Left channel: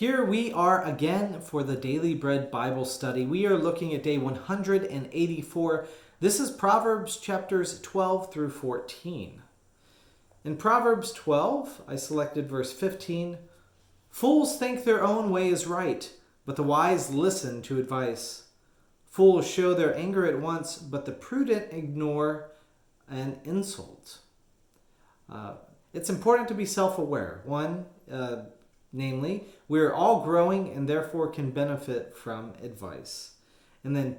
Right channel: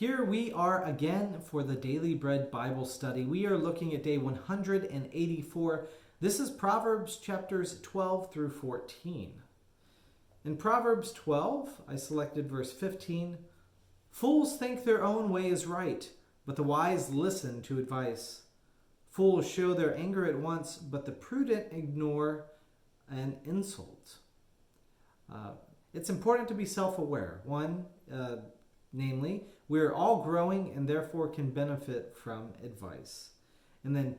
Here we are again for the Daily Bread Bible study. We are looking at day 184. This is Proverbs chapters 12 through 14. In Proverbs 12, I selected verse 15. Fools think their own way is right, but the wise listen to advice. Fools show their anger at once, but the prudent ignore an insult. It's important to be self-aware. Namely, we are all growing and therefore can benefit from advice. And then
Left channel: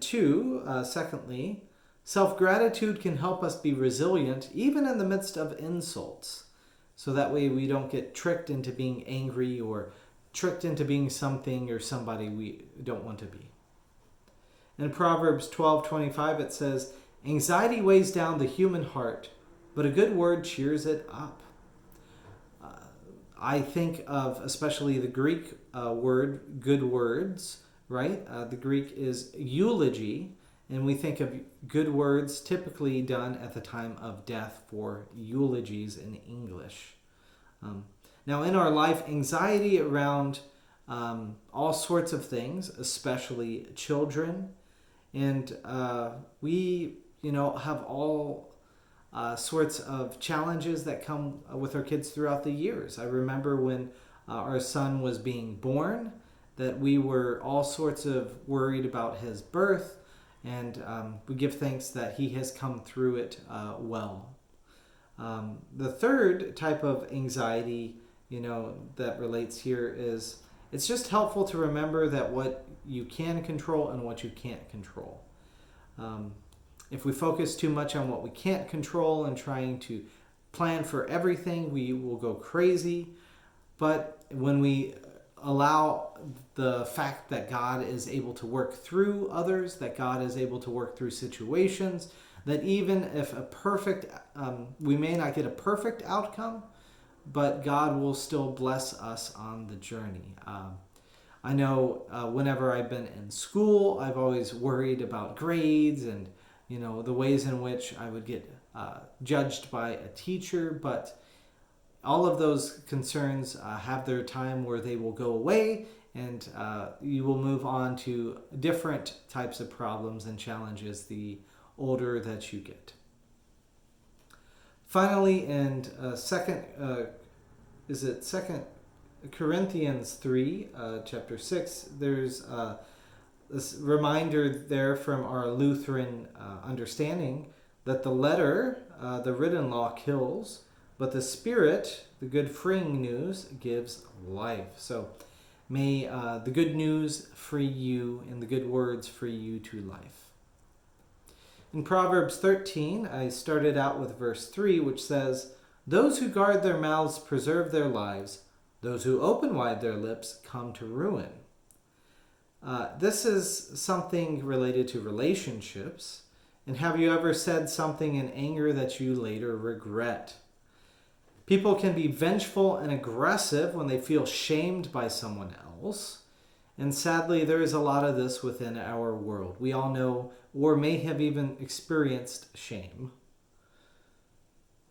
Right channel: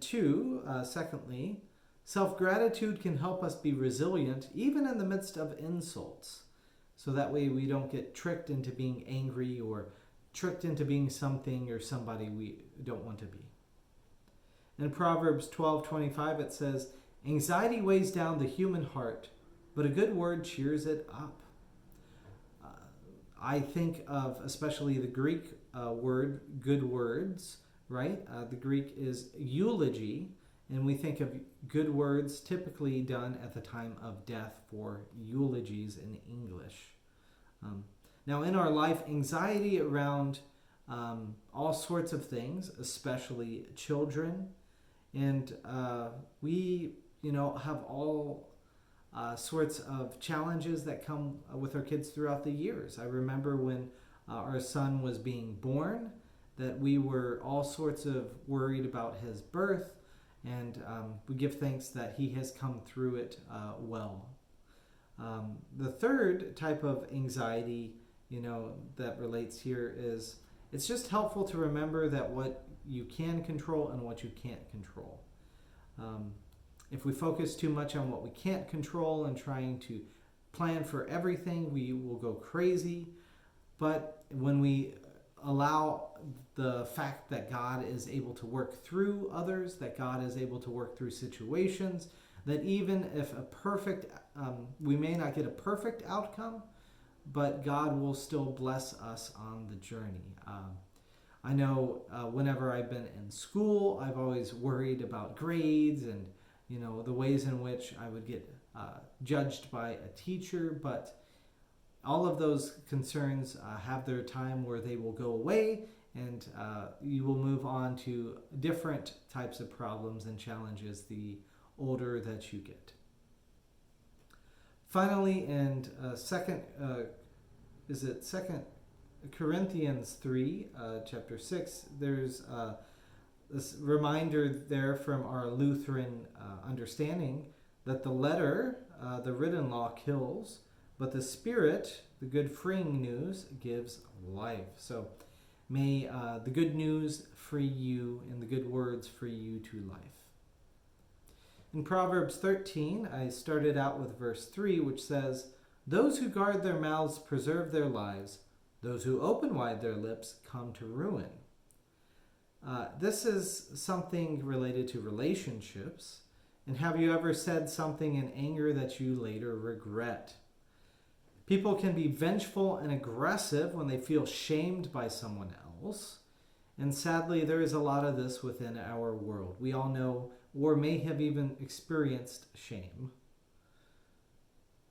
secondly, self-gratitude can help us be resilient even in the midst of insults. So that way we don't get tricked into being angry or tricked into being something or somebody we don't want to be. In Proverbs 12:25 it says, anxiety weighs down the human heart, but a good word cheers it up. I think of especially the Greek word, good words, right? The Greek is eulogy, and we think of good words typically done at the time of death for eulogies in English. Now, in our life, anxiety around all sorts of things, especially children, and we, have all sorts of challenges that come with our kids throughout the years. I remember when our son was being born that we were all sorts of worried about his birth, and we give thanks that he has come through it well. The third type of anxiety, that relates here is it's just helpful to remember that what you can control and what you can't control. If we focus too much on what we can't control and trying to plan for everything, we will go crazy. But when we allow the fact that God is able to work through others, that God is able to work through situations, that even if we may not get a perfect outcome, but God will still bless us on the journey. I know whenever I've been in school, I've always worried about grades and the ways in which I would get judged by a teacher, but all of those concerns have their time where they will go away, and you will move on to different types of problems and challenges the older that you get. Finally, in Second Corinthians 3, chapter 6, there's this reminder there from our Lutheran understanding that the letter, the written law, kills, but the Spirit, the good freeing news, gives life. So may the good news free you and the good words free you to life. In Proverbs 13, I started out with verse 3, which says, those who guard their mouths preserve their lives. Those who open wide their lips come to ruin. This is something related to relationships. And have you ever said something in anger that you later regret? People can be vengeful and aggressive when they feel shamed by someone else. And sadly, there is a lot of this within our world. We all know or may have even experienced shame.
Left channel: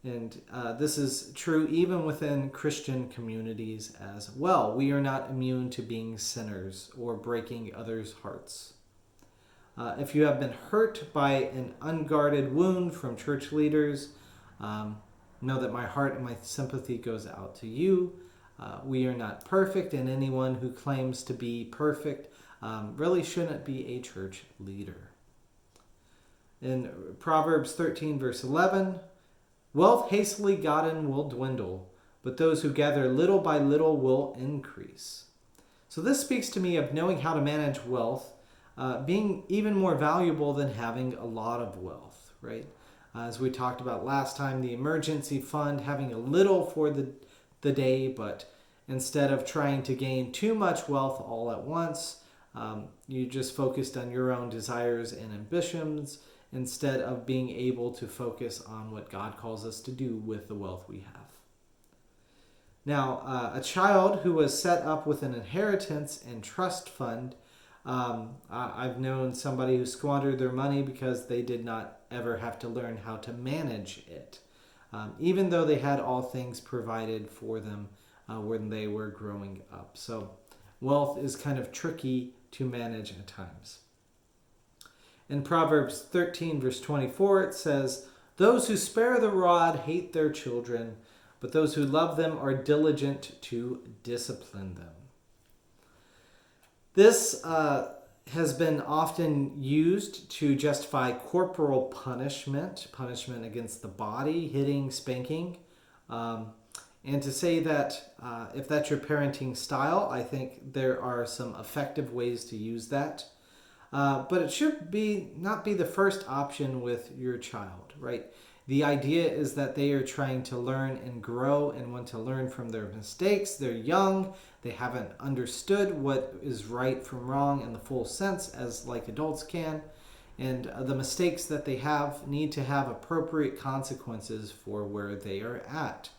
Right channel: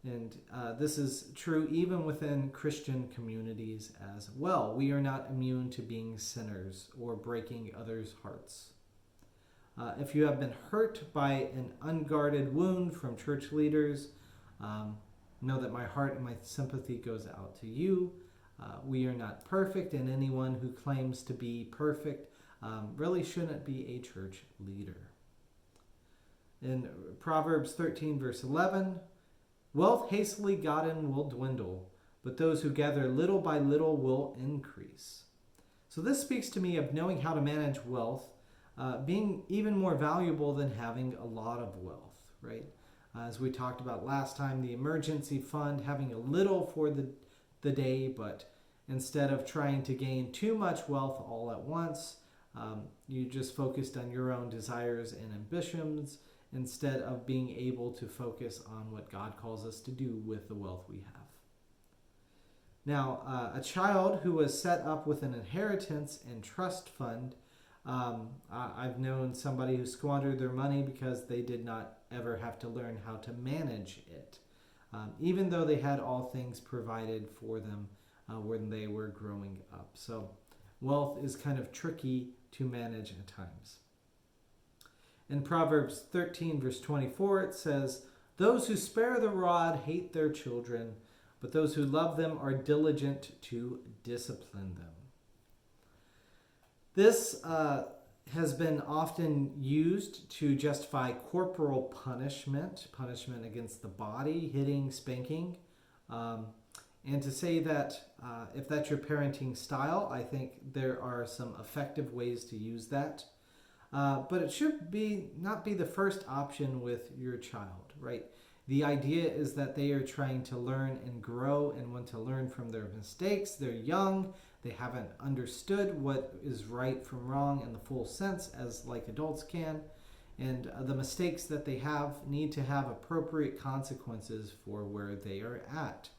And this is true even within Christian communities as well. We are not immune to being sinners or breaking others' hearts. If you have been hurt by an unguarded wound from church leaders, know that my heart and my sympathy goes out to you. We are not perfect, and anyone who claims to be perfect really shouldn't be a church leader. In Proverbs 13, verse 11, wealth hastily gotten will dwindle, but those who gather little by little will increase. So this speaks to me of knowing how to manage wealth, being even more valuable than having a lot of wealth, right? As we talked about last time, the emergency fund, having a little for the day, but instead of trying to gain too much wealth all at once, you just focused on your own desires and ambitions, instead of being able to focus on what God calls us to do with the wealth we have. Now, a child who was set up with an inheritance and trust fund, I've known somebody who squandered their money because they did not ever have to learn how to manage it, even though they had all things provided for them when they were growing up. So wealth is kind of tricky to manage at times. In Proverbs 13, verse 24, it says, "Those who spare the rod hate their children, but those who love them are diligent to discipline them." This has been often used to justify corporal punishment against the body, hitting, spanking, and to say that if that's your parenting style, I think there are some effective ways to use that. But it should not be the first option with your child, right? The idea is that they are trying to learn and grow and want to learn from their mistakes. They're young. They haven't understood what is right from wrong in the full sense as like adults can. And the mistakes that they have need to have appropriate consequences for where they are at.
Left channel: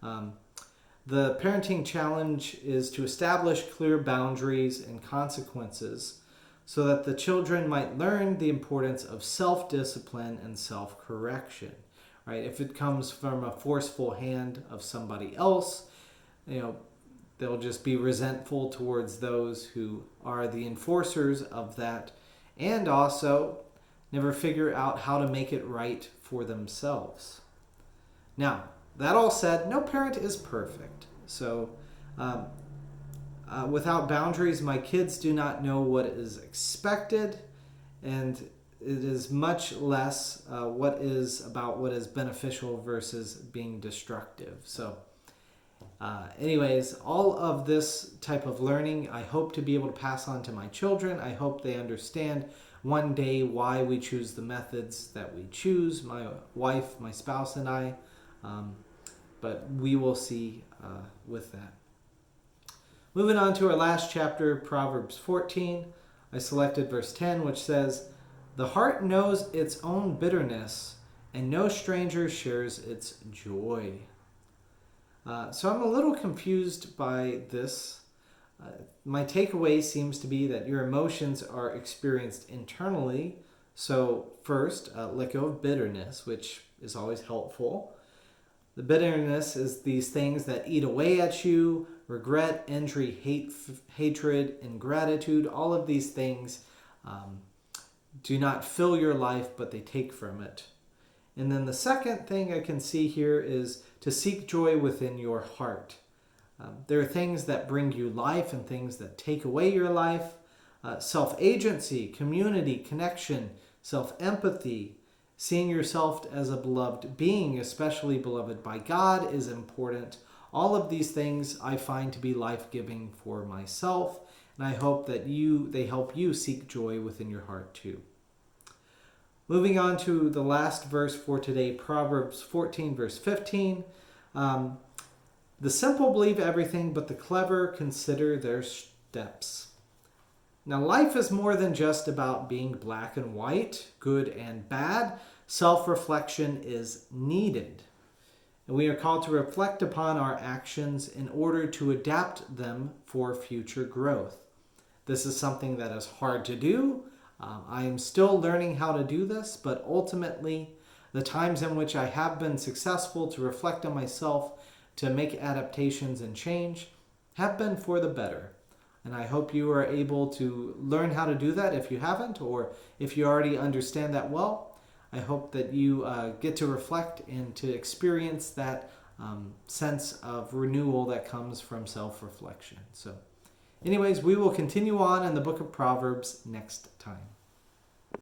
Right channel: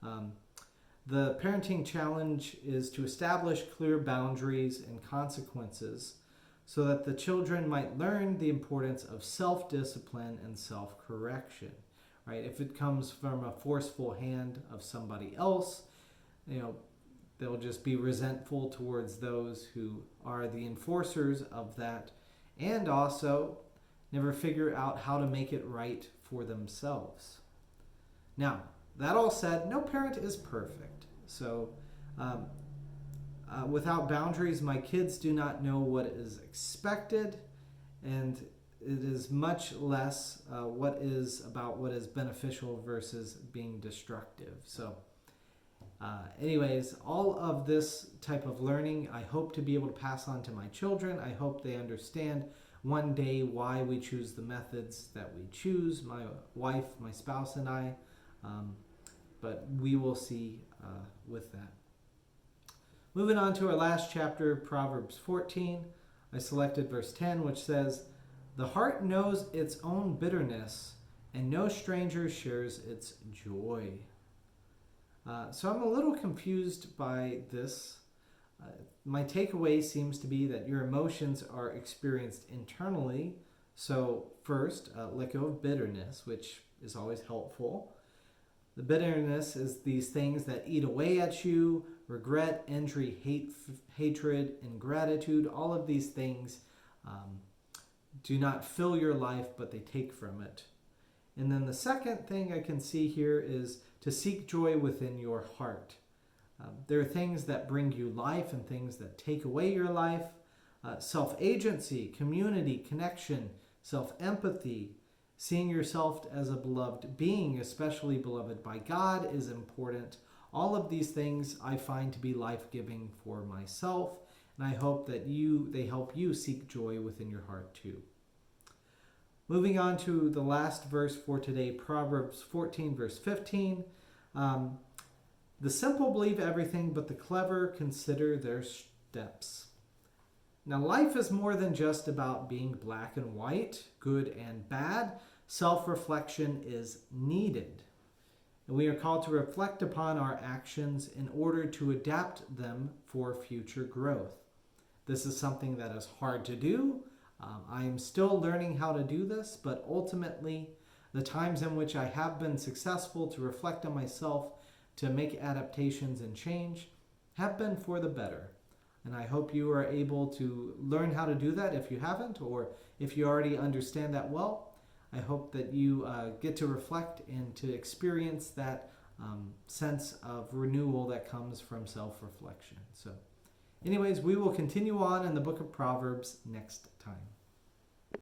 The parenting challenge is to establish clear boundaries and consequences so that the children might learn the importance of self-discipline and self-correction. Right? If it comes from a forceful hand of somebody else, they'll just be resentful towards those who are the enforcers of that, and also never figure out how to make it right for themselves. Now, that all said, no parent is perfect. So without boundaries, my kids do not know what is expected, and it is much less what is beneficial versus being destructive. So anyways, all of this type of learning, I hope to be able to pass on to my children. I hope they understand one day why we choose the methods that we choose, my wife, my spouse, and I. But we will see with that. Moving on to our last chapter, Proverbs 14. I selected verse 10, which says, "The heart knows its own bitterness, and no stranger shares its joy." So I'm a little confused by this. My takeaway seems to be that your emotions are experienced internally. So first, let go of bitterness, which is always helpful. The bitterness is these things that eat away at you: regret, injury, hatred, ingratitude. All of these things do not fill your life, but they take from it. And then the second thing I can see here is to seek joy within your heart. There are things that bring you life and things that take away your life. Self-agency, community, connection, self-empathy, seeing yourself as a beloved being, especially beloved by God, is important. All of these things I find to be life-giving for myself, and I hope that they help you seek joy within your heart too. Moving on to the last verse for today, Proverbs 14, verse 15. "The simple believe everything, but the clever consider their steps." Now, life is more than just about being black and white, good and bad. Self-reflection is needed. And we are called to reflect upon our actions in order to adapt them for future growth. This is something that is hard to do. I am still learning how to do this, but ultimately, the times in which I have been successful to reflect on myself, to make adaptations and change, have been for the better. And I hope you are able to learn how to do that if you haven't, or if you already understand that well. I hope that you get to reflect and to experience that sense of renewal that comes from self-reflection. So anyways, we will continue on in the book of Proverbs next time.